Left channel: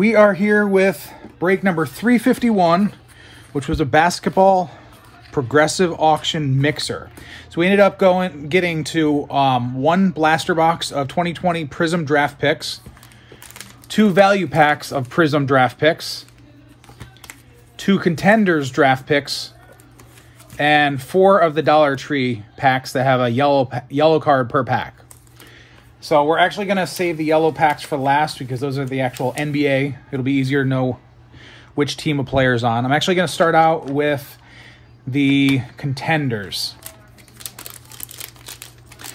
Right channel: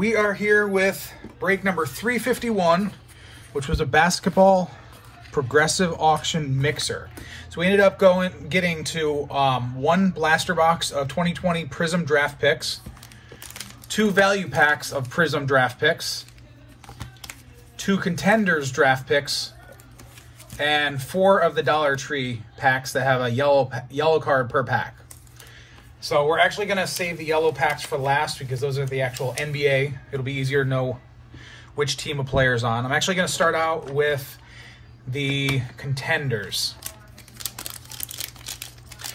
We are here with break number 351, which was a basketball progressive auction mixer. So we ended up getting to one blaster box of 2020 Prism draft picks, 2 value packs of Prism draft picks, 2 contenders draft picks, and 4 of the Dollar Tree packs that have a yellow card per pack. So we're actually going to save the yellow packs for last because those are the actual NBA. It'll be easier to know which team a player's on. I'm actually going to start out with the contenders.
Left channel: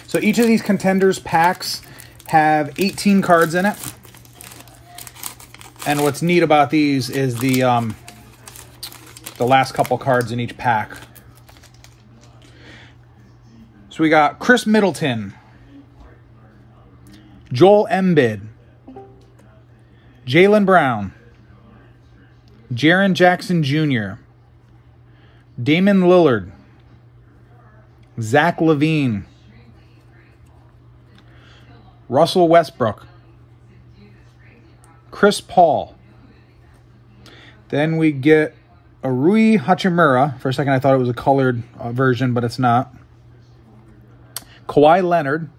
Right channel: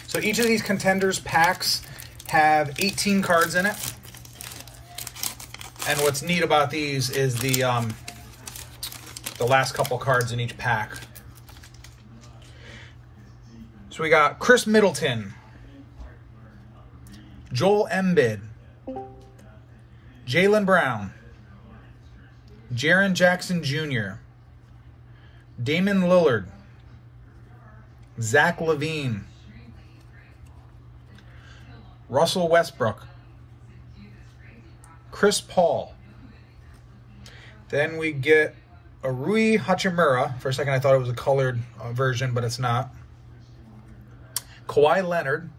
So each of these contenders packs have 18 cards in it. And what's neat about these is the last couple cards in each pack. So we got Chris Middleton, Joel Embiid, Jaylen Brown, Jaren Jackson Jr., Damian Lillard, Zach LaVine, Russell Westbrook, Chris Paul. Then we get a Rui Hachimura. For a second I thought it was a colored version, but it's not. Kawhi Leonard.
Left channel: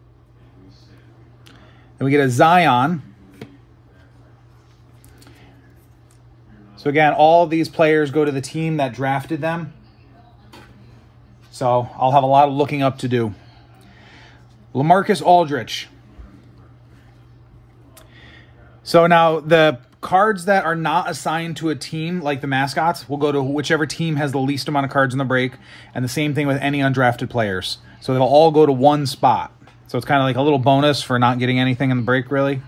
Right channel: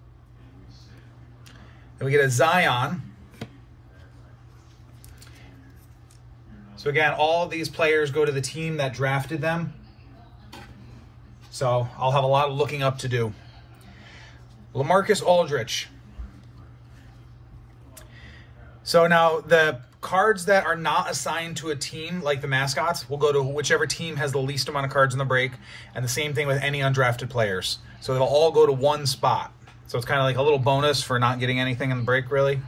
Then we get a Zion. So again, all of these players go to the team that drafted them. So I'll have a lot of looking up to do. LaMarcus Aldridge. So now the cards that are not assigned to a team, like the mascots, will go to whichever team has the least amount of cards in the break. And the same thing with any undrafted players. So it'll all go to one spot. So it's kind of like a little bonus for not getting anything in the break, really.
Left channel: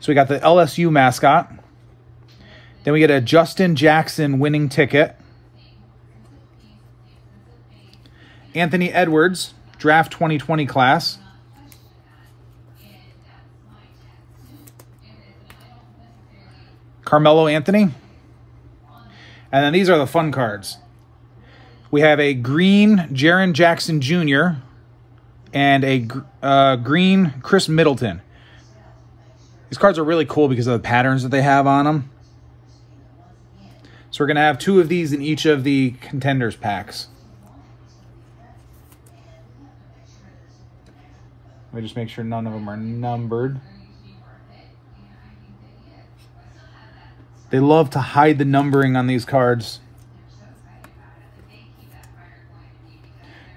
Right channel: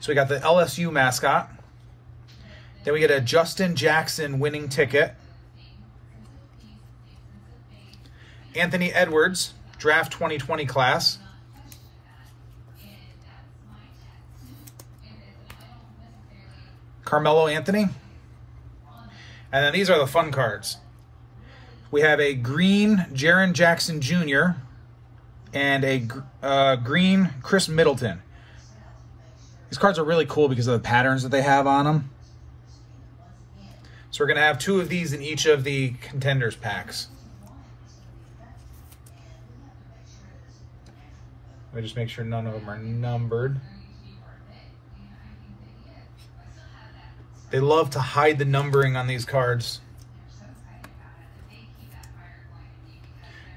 So we got the LSU mascot. Then we get a Justin Jackson winning ticket. Anthony Edwards, draft 2020 class. Carmelo Anthony. And then these are the fun cards. We have a green Jaren Jackson Jr. and a green Chris Middleton. These cards are really cool because of the patterns that they have on them. So we're going to have 2 of these in each of the contenders packs. Let me just make sure none of them are numbered. They love to hide the numbering on these cards.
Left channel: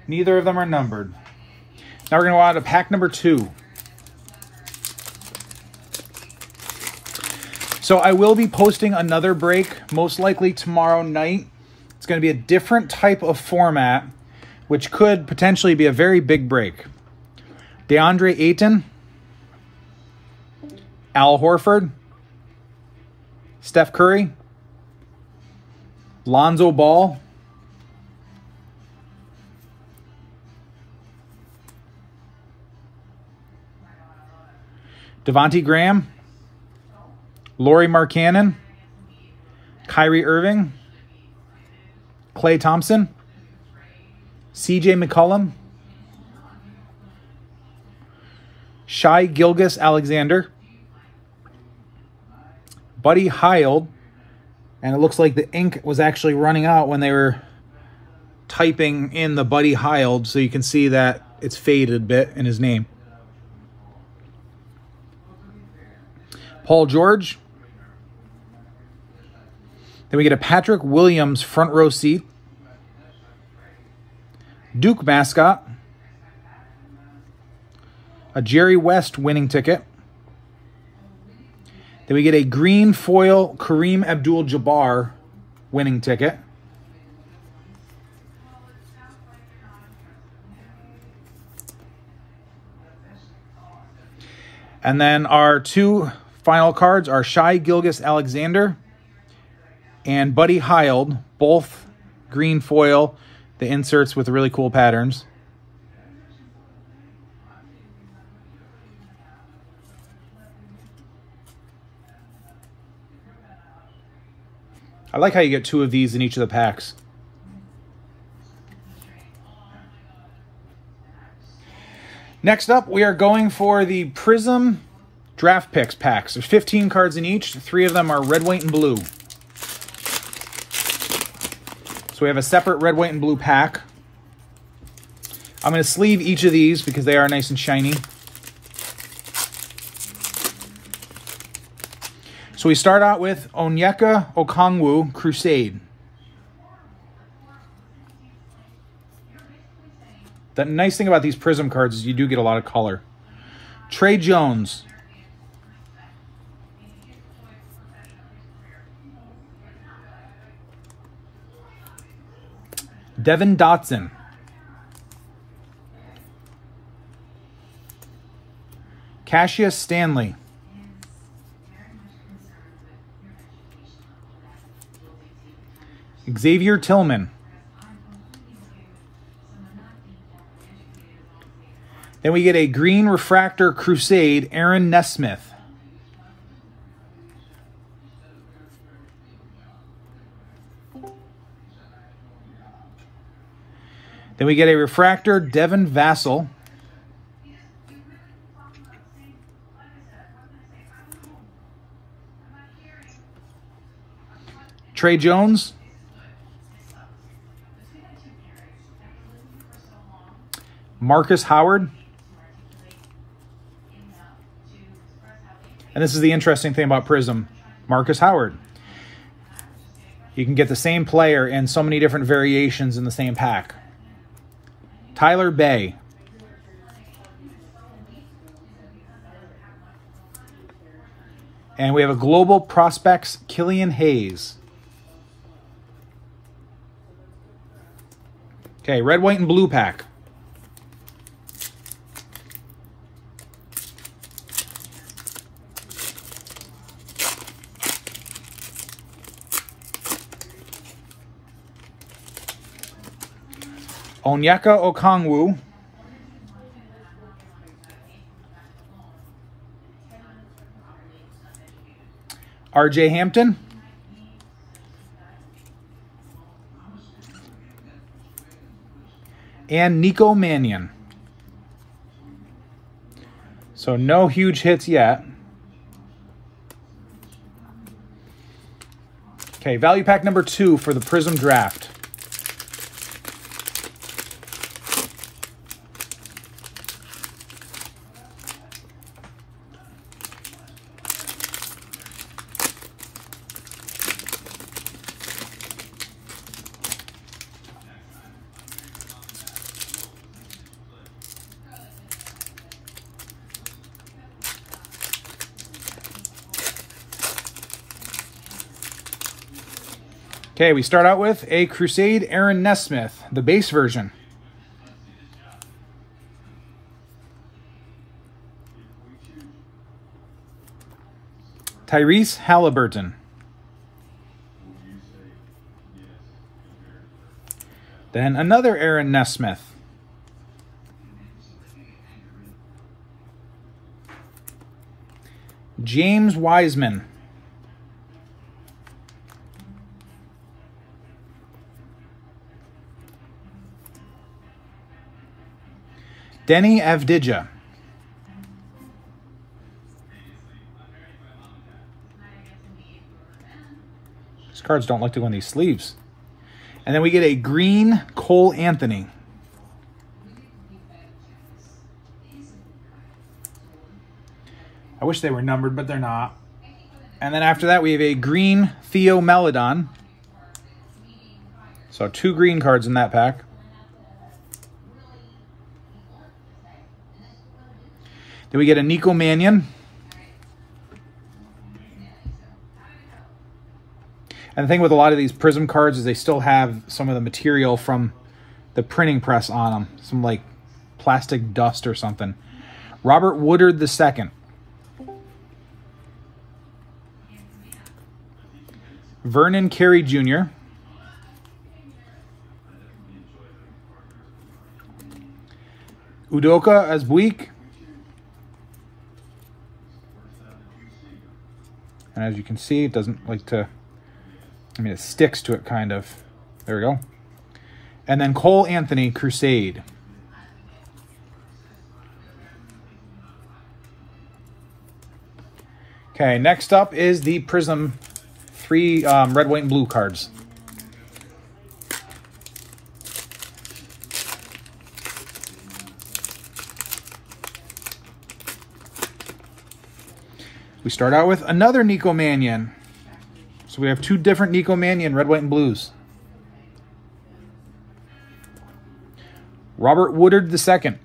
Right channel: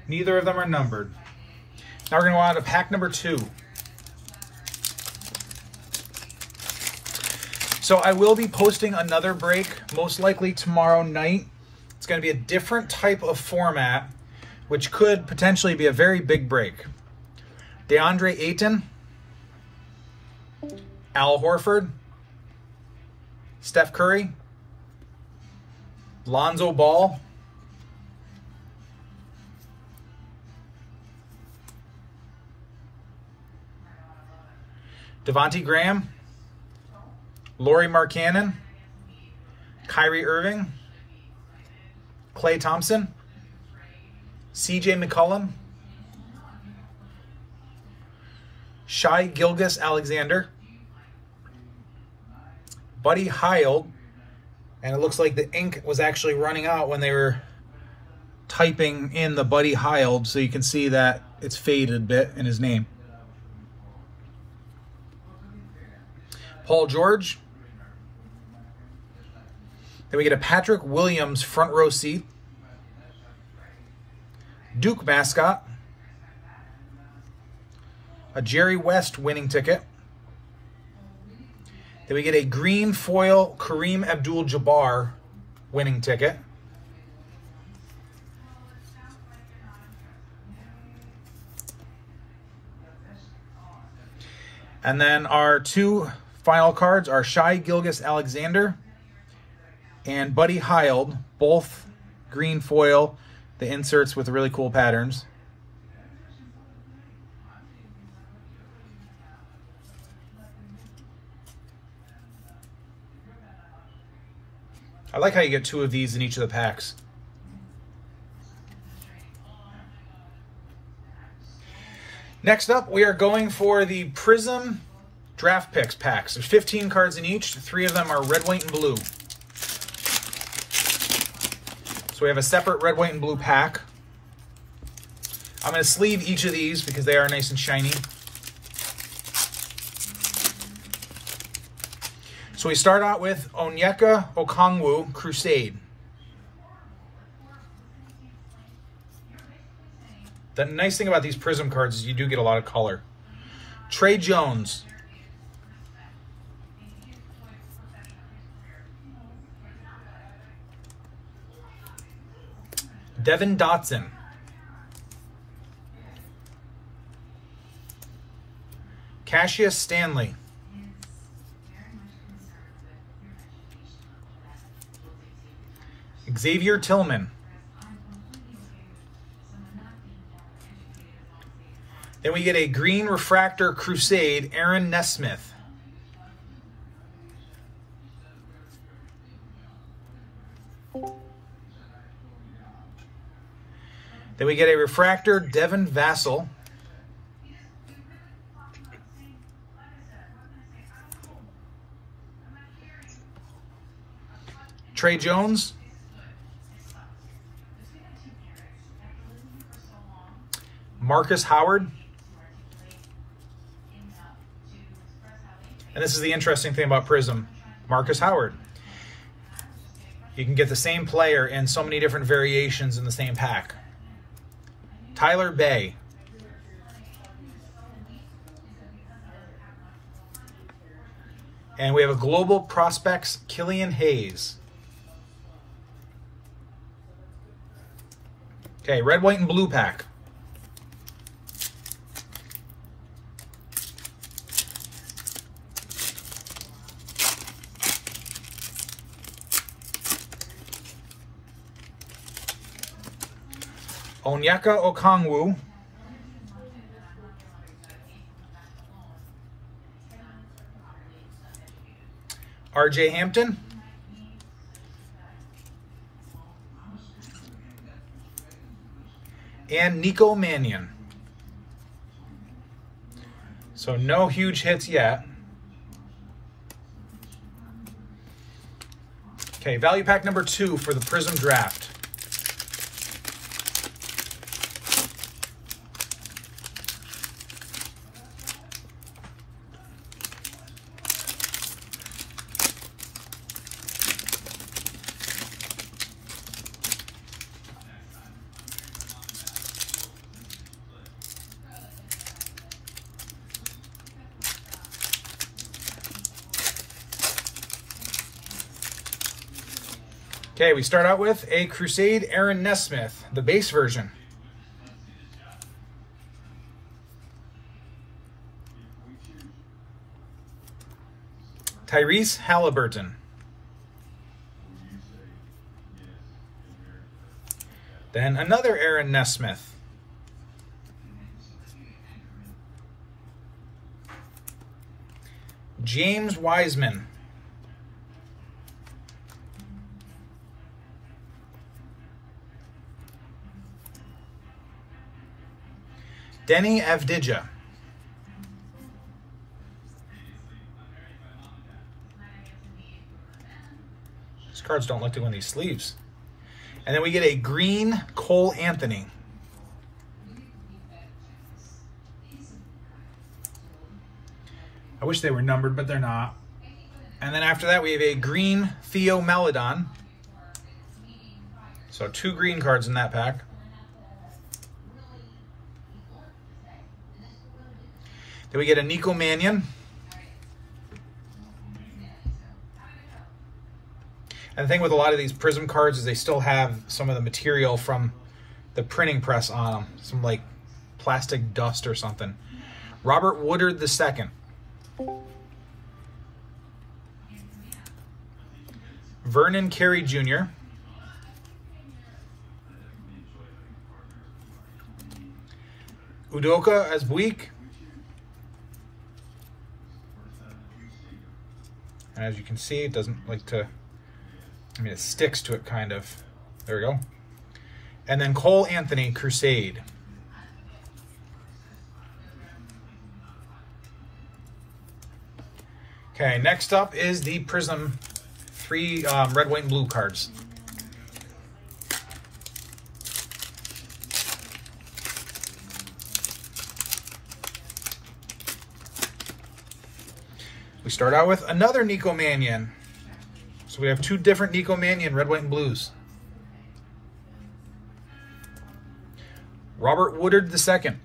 Neither of them are numbered. Now we're going to go on to pack number 2. So I will be posting another break, most likely tomorrow night. It's going to be a different type of format, which could potentially be a very big break. DeAndre Ayton, Al Horford, Steph Curry, Lonzo Ball, Devontae Graham, Lauri Markkanen, Kyrie Irving, Klay Thompson, CJ McCollum, Shai Gilgeous-Alexander, Buddy Hield, and it looks like the ink was actually running out when they were typing in the Buddy Hield, so you can see that it's faded a bit in his name. Paul George. Then we get a Patrick Williams front row seat. Duke mascot. A Jerry West winning ticket. Then we get a green foil Kareem Abdul-Jabbar winning ticket. And then our 2 final cards are Shai Gilgeous-Alexander and Buddy Hield, both green foil, the inserts with really cool patterns. I like how you get 2 of these in each of the packs. Next up, we are going for the Prism draft picks packs. There's 15 cards in each. 3 of them are red, white, and blue. So we have a separate red, white, and blue pack. I'm going to sleeve each of these because they are nice and shiny. So we start out with Onyeka Okongwu Crusade. The nice thing about these Prism cards is you do get a lot of color. Trey Jones. Devin Dotson. Cassius Stanley. Xavier Tillman. Then we get a green refractor Crusade, Aaron Nesmith. Then we get a refractor, Devin Vassell. Trey Jones. Marcus Howard. And this is the interesting thing about Prism. Marcus Howard. You can get the same player in so many different variations in the same pack. Tyler Bay. And we have a Global Prospects, Killian Hayes. Okay, red, white, and blue pack. Onyeka Okongwu. RJ Hampton. And Nico Mannion. So no huge hits yet. Okay, value pack number 2 for the Prism Draft. Okay, we start out with a Crusade Aaron Nesmith, the base version. Tyrese Halliburton. Then another Aaron Nesmith. James Wiseman. Denny Avdija. These cards don't like to go in these sleeves. And then we get a green Cole Anthony. I wish they were numbered, but they're not. And then after that, we have a green Theo Maledon. So 2 green cards in that pack. Then we get a Nico Mannion. And the thing with a lot of these Prism cards is they still have some of the material from the printing press on them. Some like plastic dust or something. Robert Woodard II. Vernon Carey Jr. Udoka Azubuike. And as you can see, it doesn't like to, I mean, it sticks to it kind of. There we go. And then Cole Anthony Crusade. Okay, next up is the Prism 3 red, white, and blue cards. We start out with another Nico Mannion. So we have two different Nico Mannion, red, white, and blues. Robert Woodard II.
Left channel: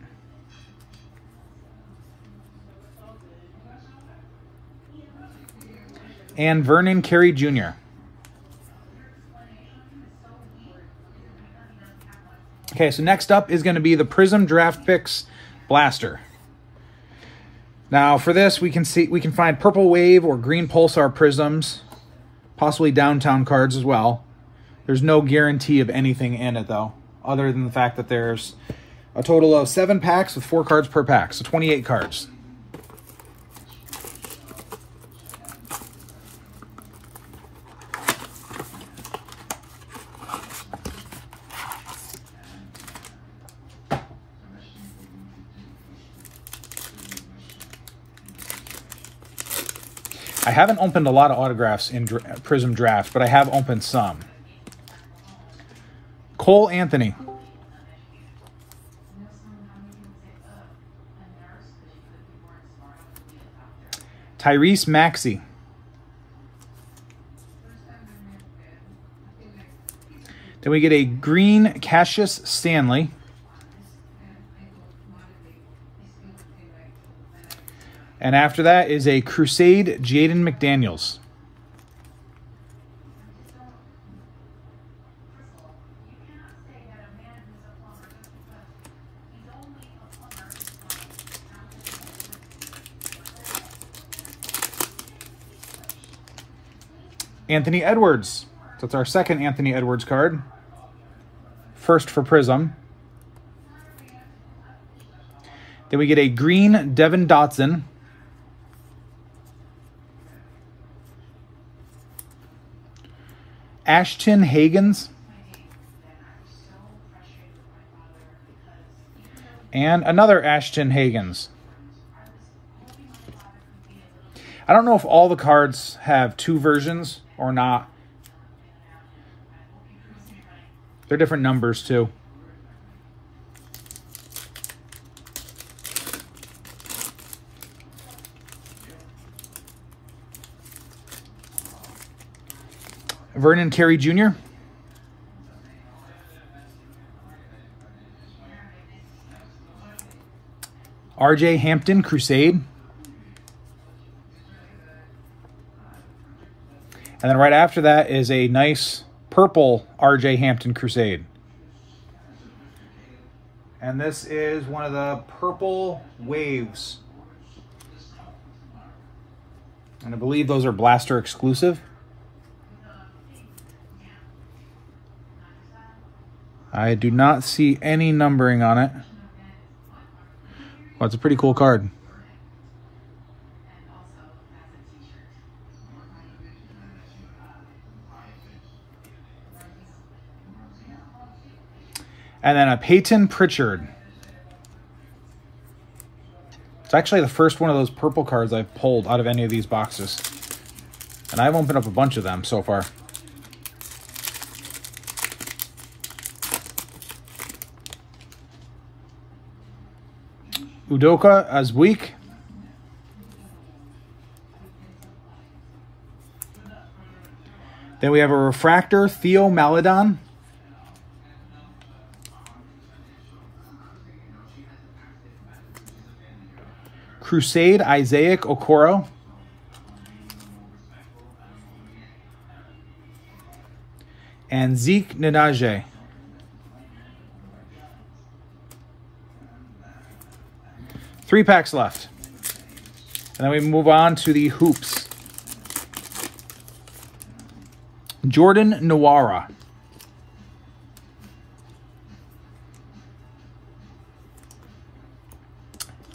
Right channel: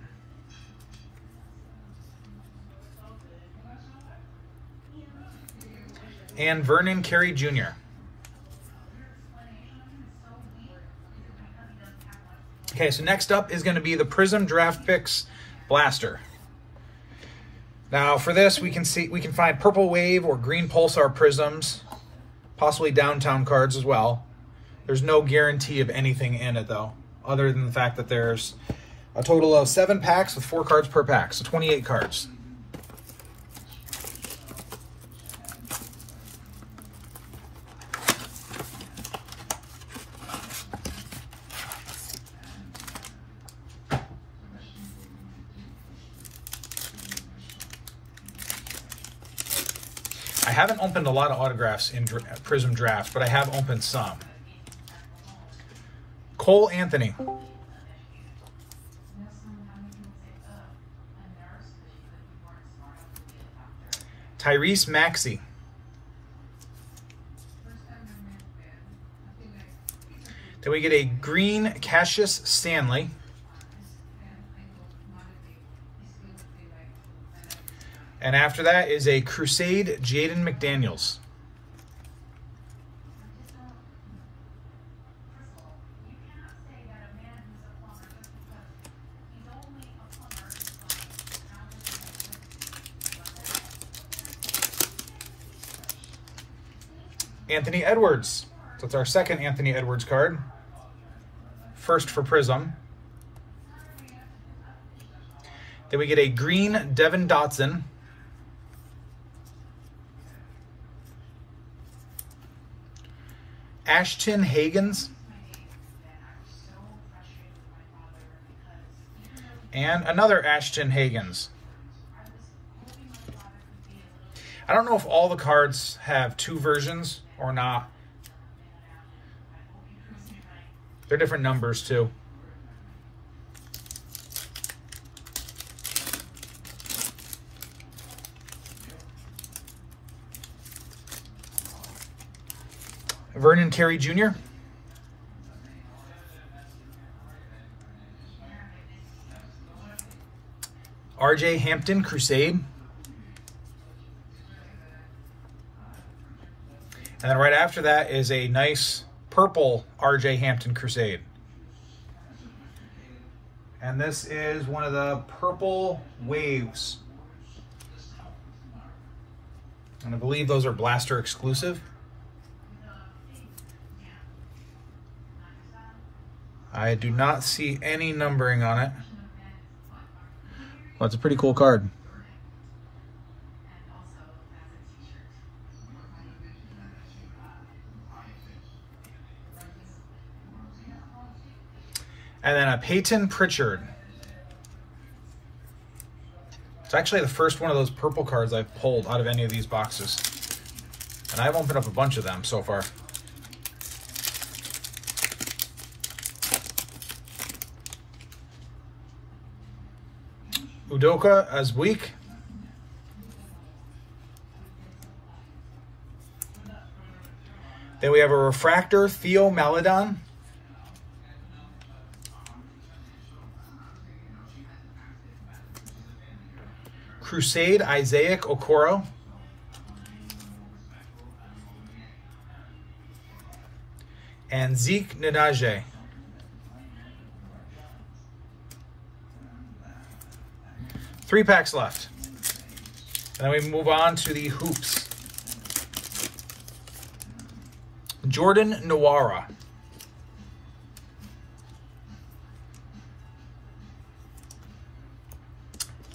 And Vernon Carey Jr. Okay, so next up is going to be the Prism Draft Picks Blaster. Now for this, we can find Purple Wave or Green Pulsar Prisms, possibly Downtown cards as well. There's no guarantee of anything in it though, other than the fact that there's a total of 7 packs with 4 cards per pack, so 28 cards. I haven't opened a lot of autographs in Prism Draft, but I have opened some. Cole Anthony. Tyrese Maxey. Then we get a green Cassius Stanley. And after that is a Crusade Jaden McDaniels. Anthony Edwards. So it's our second Anthony Edwards card. First for Prism. Then we get a green Devin Dotson. Ashton Hagans. And another Ashton Hagans. I don't know if all the cards have 2 versions or not. They're different numbers too. Vernon Carey Jr. RJ Hampton Crusade. And then right after that is a nice purple RJ Hampton Crusade. And this is one of the purple waves. And I believe those are Blaster exclusive. I do not see any numbering on it. Well, it's a pretty cool card. And then a Peyton Pritchard. It's actually the first one of those purple cards I've pulled out of any of these boxes. And I've opened up a bunch of them so far. Udoka Azuik. Then we have a refractor, Theo Maledon. Crusade, Isaac Okoro. And Zeke Nnaji. Three packs left. And then we move on to the hoops. Jordan Nwora.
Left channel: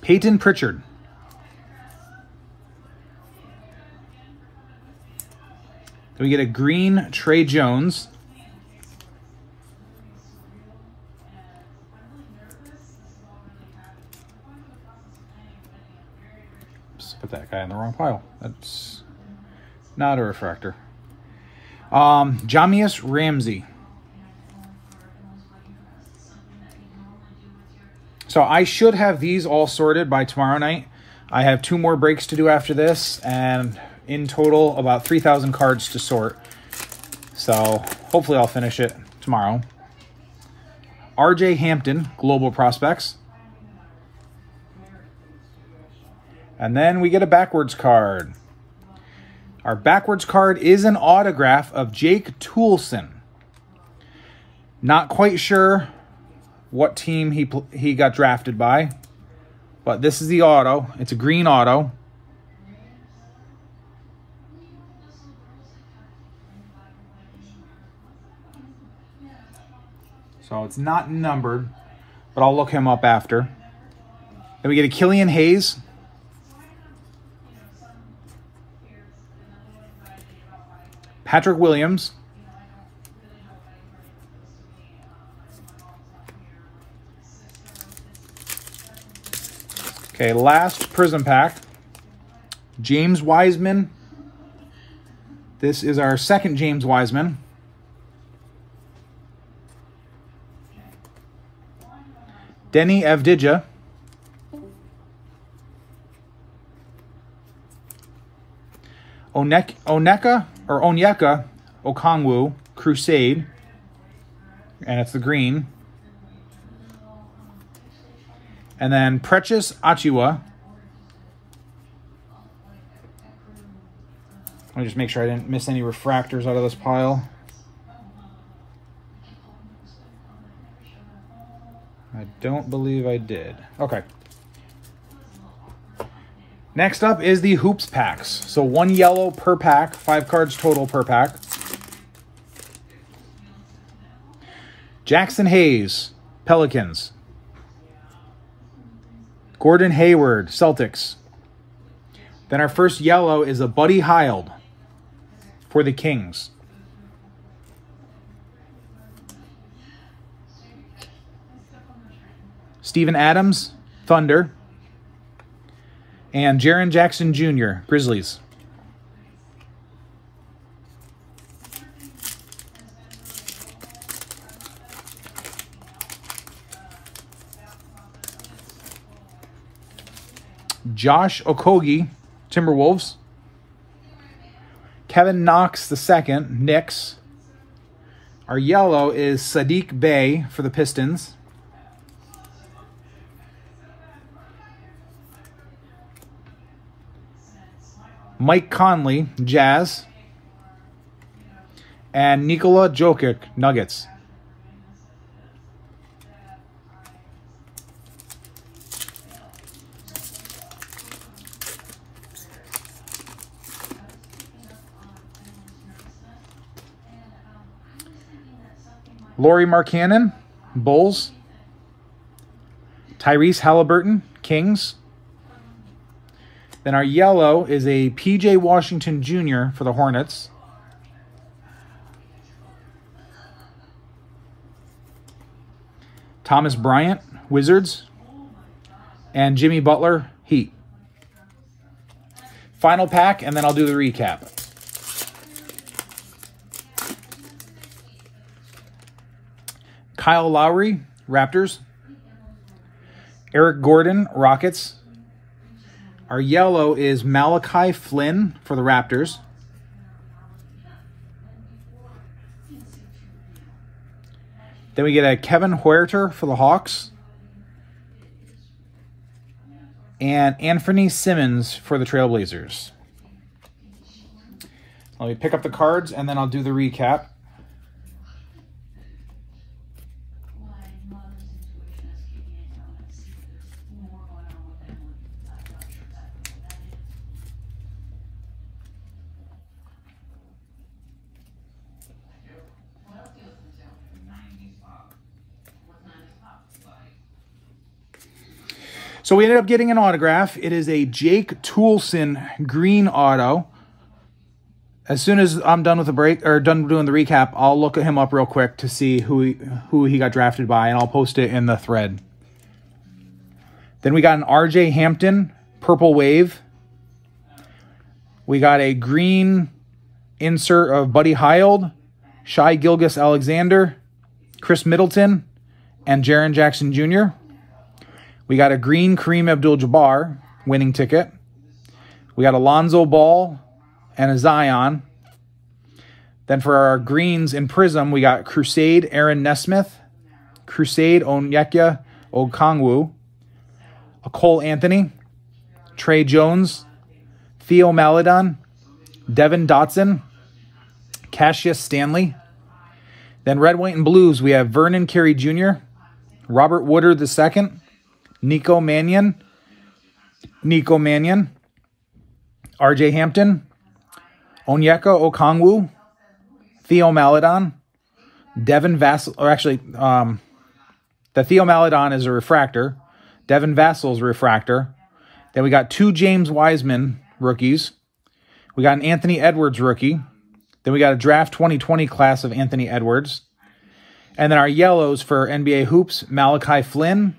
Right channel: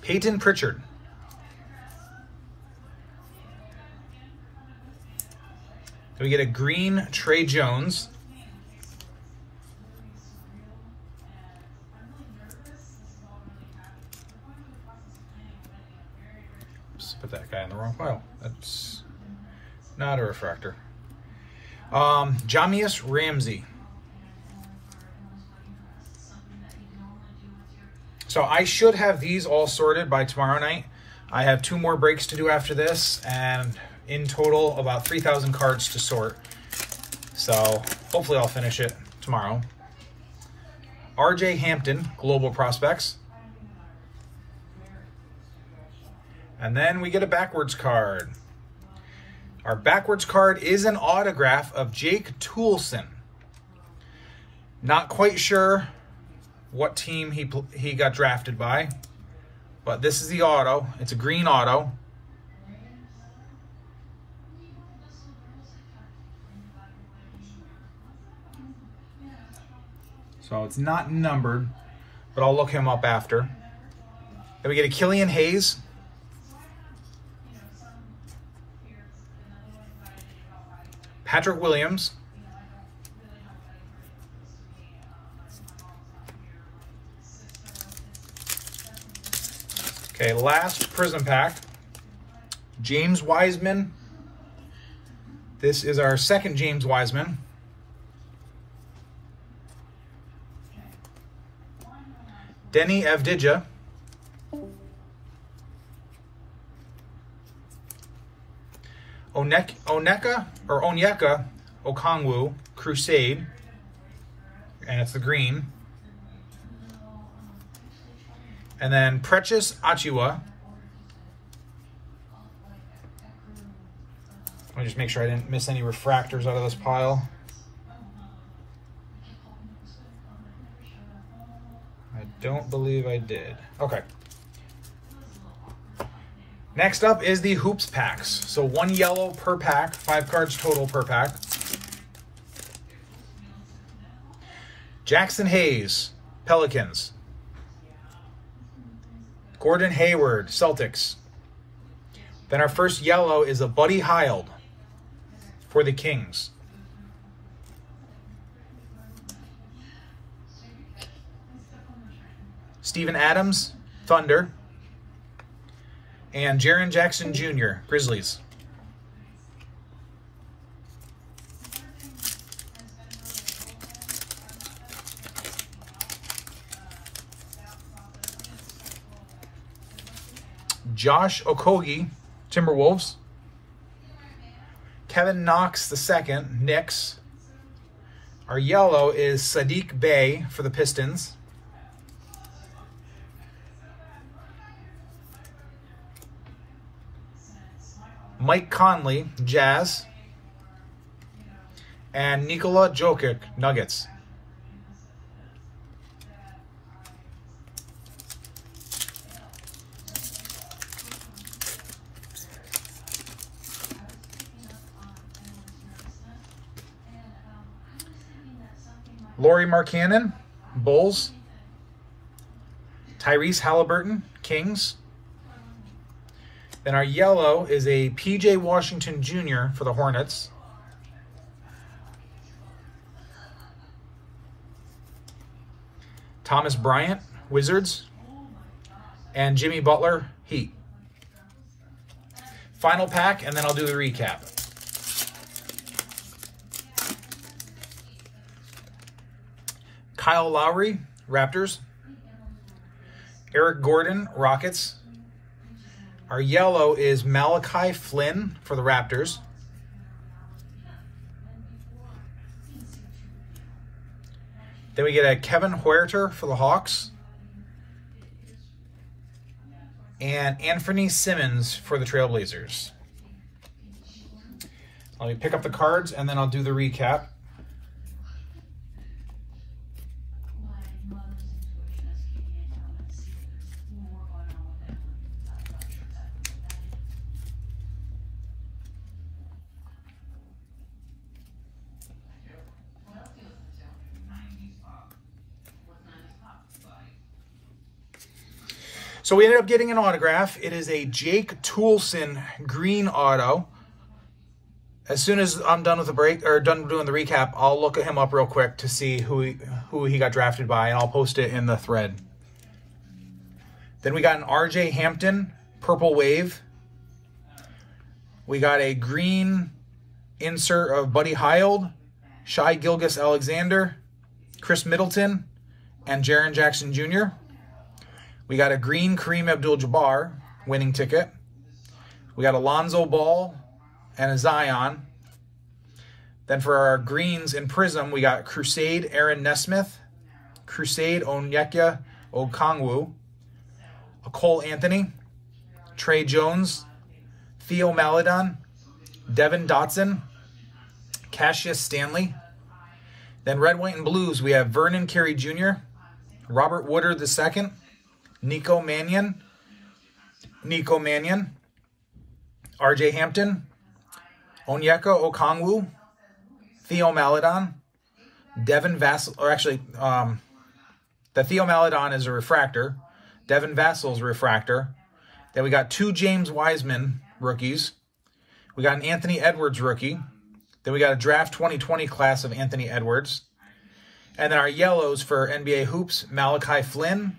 Peyton Pritchard. Then we get a green Trey Jones. Put that guy in the wrong pile. That's Not a refractor. Jamius Ramsey. So I should have these all sorted by tomorrow night. I have 2 more breaks to do after this, and in total about 3,000 cards to sort. So hopefully I'll finish it tomorrow. RJ Hampton, Global Prospects. And then we get a backwards card. Our backwards card is an autograph of Jake Toolson. Not quite sure what team he got drafted by, but this is the auto. It's a green auto. So it's not numbered, but I'll look him up after. Then we get a Killian Hayes. Patrick Williams. Okay, last Prism pack. James Wiseman. This is our second James Wiseman. Denny Avdija. Onyeka Okongwu, Crusade. And it's the green. And then Precious Achiuwa. Let me just make sure I didn't miss any refractors out of this pile. I don't believe I did. Okay. Next up is the Hoops packs. So 1 yellow per pack, 5 cards total per pack. Jackson Hayes, Pelicans. Gordon Hayward, Celtics. Then our first yellow is a Buddy Hield for the Kings. Steven Adams, Thunder. And Jaren Jackson Jr., Grizzlies. Josh Okogie, Timberwolves. Kevin Knox II, Knicks. Our yellow is Sadiq Bey for the Pistons. Mike Conley, Jazz. And Nikola Jokic, Nuggets. Lauri Markkanen, Bulls. Tyrese Halliburton, Kings. Then our yellow is a PJ Washington Jr. for the Hornets. Thomas Bryant, Wizards. And Jimmy Butler, Heat. Final pack, and then I'll do the recap. Kyle Lowry, Raptors. Eric Gordon, Rockets. Our yellow is Malachi Flynn for the Raptors. Then we get a Kevin Huerter for the Hawks. And Anthony Simmons for the Trailblazers. Let me pick up the cards and then I'll do the recap. So we ended up getting an autograph. It is a Jake Toolson green auto. As soon as I'm done with the break or done doing the recap, I'll look him up real quick to see who he got drafted by, and I'll post it in the thread. Then we got an RJ Hampton Purple Wave. We got a green insert of Buddy Hield, Shai Gilgeous-Alexander, Chris Middleton, and Jaren Jackson Jr. We got a green Kareem Abdul-Jabbar winning ticket. We got Alonzo Ball and a Zion. Then for our greens in Prism, we got Crusade Aaron Nesmith, Crusade Onyeka Okongwu, a Cole Anthony, Trey Jones, Theo Maledon, Devin Dotson, Cassius Stanley. Then red, white, and blues, we have Vernon Carey Jr., Robert Woodard II, Nico Mannion, RJ Hampton, Onyeka Okongwu, Theo Maledon, Devin Vassell, or actually, the Theo Maledon is a refractor. Devin Vassell is a refractor. Then we got 2 James Wiseman rookies. We got an Anthony Edwards rookie. Then we got a draft 2020 class of Anthony Edwards. And then our yellows for NBA Hoops, Malachi Flynn,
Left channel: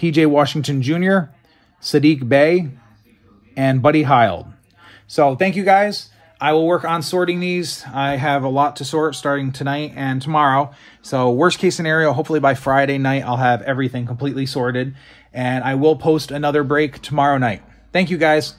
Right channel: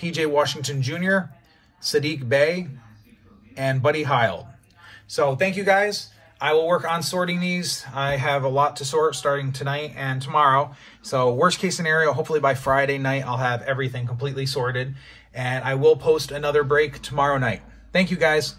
PJ Washington Jr., Sadiq Bey, and Buddy Hield. So thank you guys. I will work on sorting these. I have a lot to sort starting tonight and tomorrow. So worst case scenario, hopefully by Friday night, I'll have everything completely sorted. And I will post another break tomorrow night. Thank you guys.